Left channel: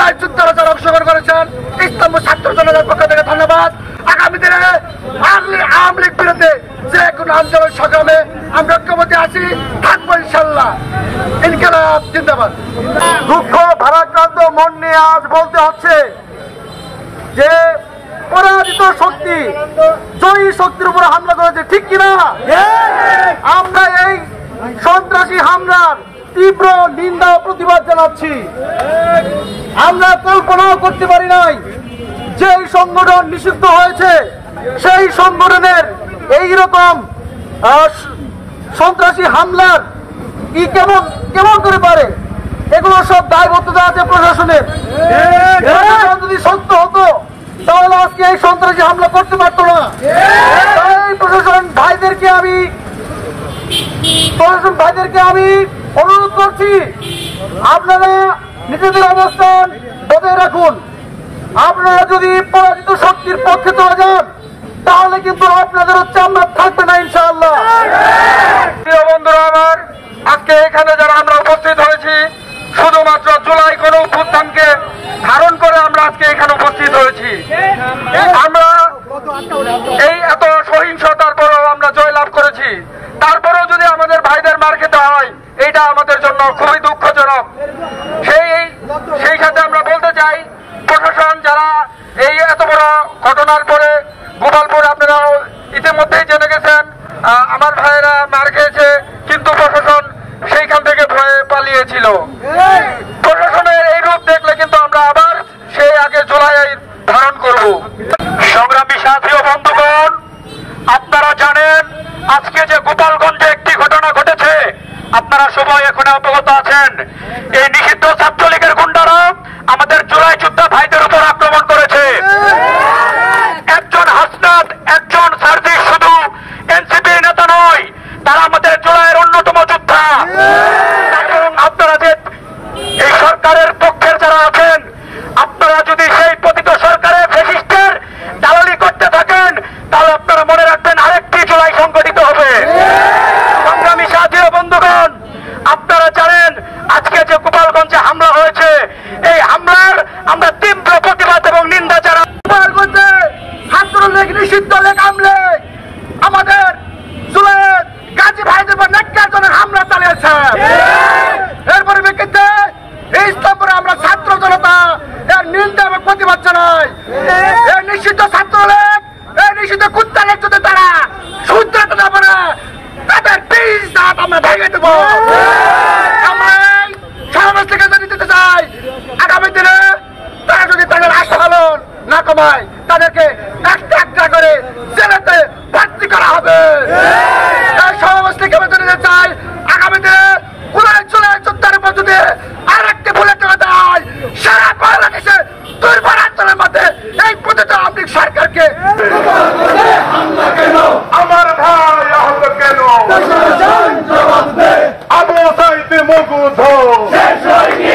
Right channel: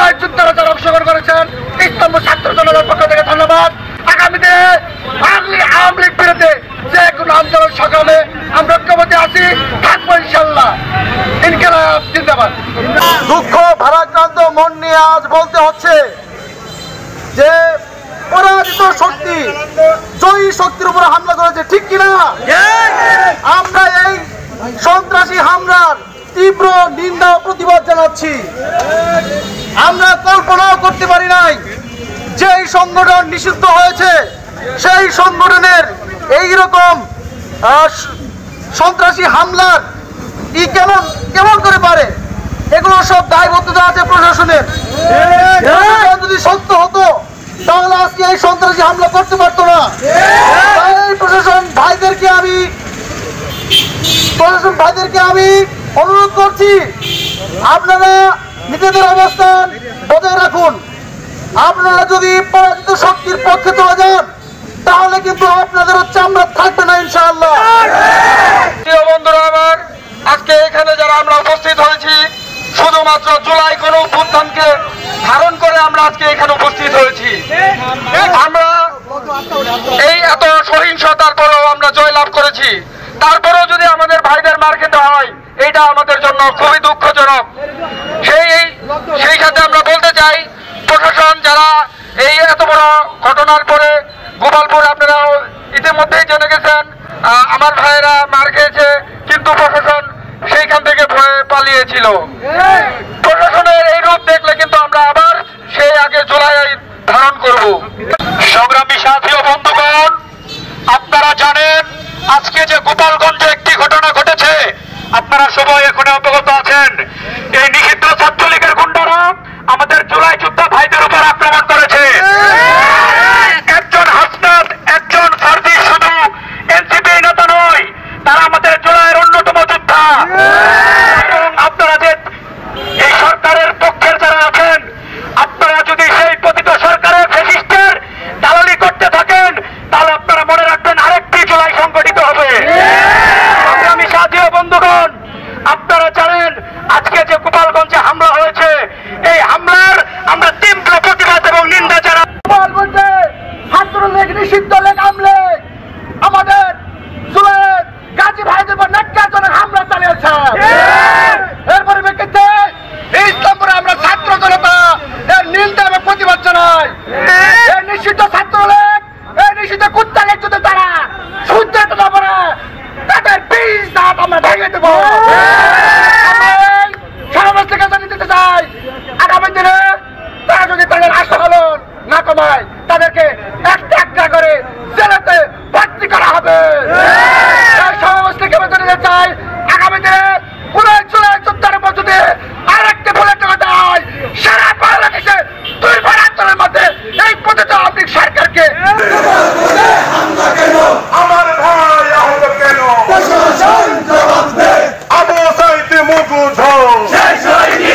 জুলাই যুদ্ধে যারা অংশগ্রহণ করেছেন ইসলামপুর ছাত্র জনতার পক্ষ থেকে ধন্যবাদ। আগামী দিনে আওয়ামী লীগ বিরুদ্ধে যে কোনো আন্দোলন সংগ্রামে আমরা ঐক্যবদ্ধ আছি, থাকবো ইনশাল্লাহ। ইনকিলাব জিন্দাবাদ। দুঃখ ভারাক্রান্ত মন নিয়ে আজ বলতে হচ্ছে যে পরাজিত শক্তি জয়ী শক্তির উপর হামলা করেছে, ঠিক কিনা? আমরা এই সন্ত্রাসী হামলার তীব্র নিন্দা ও প্রতিবাদ জানাচ্ছি। আমরা কল্পনাও করতে পারি নাই যে এই সংগঠন নিষিদ্ধ হয়েছে সেই সংগঠনের এইরকম সন্ত্রাসী হামলার কেমন করে পারে। এগুলো সব দায়বদ্ধতা আছে প্রশাসনের। প্রশাসন যদি সত্য হতো তাহলে আজকে এই সন্ত্রাসী হামলা করতে পারতো না। তাই প্রশাসন ভাইদেরকে আমি অনুরোধ করছি, আপনারা নিজেদের অবস্থান বজায় রাখুন। আপনারা যদি পরাজিত শক্তির পক্ষে চলে যান তাহলে কিন্তু আপনাদের চামড়া থাকবে না ইনশাআল্লাহ। প্রিয় বন্ধুরা আমার, আজকে এখানে যারা আমরা উপস্থিত হয়েছি শুধুমাত্র জুলাই গণঅভ্যুত্থানকে ধারণ করে আমরা আজকে এখানে উপস্থিত হয়েছি। আমরা এই এত সহিংসতার পরেও আমরা জয়লাভ করেছি, তারপরেও যদি আমাদের ভাইদের মার খেতে হয় এইটা আমাদের জন্য খুবই দুঃখজনক। সেই সাথে আমরা বলতে চাই, প্রশাসন যারা এই এত বড় ঘটনার পরে গোপালপুর আপনারা ইতিমধ্যেই জেনে গেছেন আমার ভাইয়েরা মার খেয়েছে, কিন্তু প্রশাসন সেইখান থেকে ভয়ে পালিয়েছিল। প্রশাসনের এই রূপ দেখলে কিন্তু আমরা আবার সেই আগে জুলাই ধারণ করব। সংগ্রামী সাথী ও বন্ধুগণ, আপনারা জানেন আজকে যে গোপালগঞ্জে একটি ঘটনা ঘটেছে, আপনারা সবাই এখন অবগত আছেন। এই নিষিদ্ধ ছাত্রলীগের গুন্ডারা আমাদের জুলাই যোদ্ধা ভাইদের উপর আক্রমণ করেছে। একজন হাসনাত, একজন ফারদি শুধু এনসিপি নেতা নয়, তারা আমাদের জুলাইয়ের অন্যতম যোদ্ধা। এবং আপনারা যে এই সরকারের পক্ষের যারা আছেন, আপনারা যদি সেই পতিত সরকারের ফ্যাসিস্টের দালালি করতে থাকেন তাহলে আপনারা মনে রাখবেন আরেকটি জুলাই সংগঠিত হবে। সংগ্রামী সাথী ও বন্ধুগণ, আপনারা জানেন আজকে যে গোপালগঞ্জে হামলা হয়েছে, এই হামলার আমরা তীব্র প্রতিবাদ এবং নিন্দা জানাই। গোপালগঞ্জে ছাত্রলীগ নিষিদ্ধ লীগ আমলে আমাদের জুলাইয়ের গাজী ভাইদের উপর ন্যাক্কারজনক হামলা চালিয়েছে। এর পরিপ্রেক্ষিতে ইসলামপুরে আমরা ছাত্র জনতা এর নিন্দা এবং প্রতিবাদ জানাই। এই নিষিদ্ধ ছাত্রলীগ, এই নিষিদ্ধ কুত্তা লীগ যদি তারা শুদ্ধতা না পারে তাদের বীজ দাঁত আমরা ভেঙে দেব। আমরা এই সমাবেশ থেকে জানিয়ে দিতে চাই, আগামী দিনে তারা যদি তাদের আস্ফালন না কমায় তাদেরকে একটা করে জেলেতে ভর্তি করা হবে। এই সমাবেশ থেকে আমি জানিয়ে দিতে চাই, আগামী দিনে জুলাই যোদ্ধার উপর যদি আরেকটি বুলেট দেয় সারা বাংলাদেশে দুর্বার আন্দোলনের মধ্যে এই পতিত আওয়ামী লীগ সরকারকে আমার ভাই আহত কেন আবু সাইদ মুগুঝ শেষ হয়নি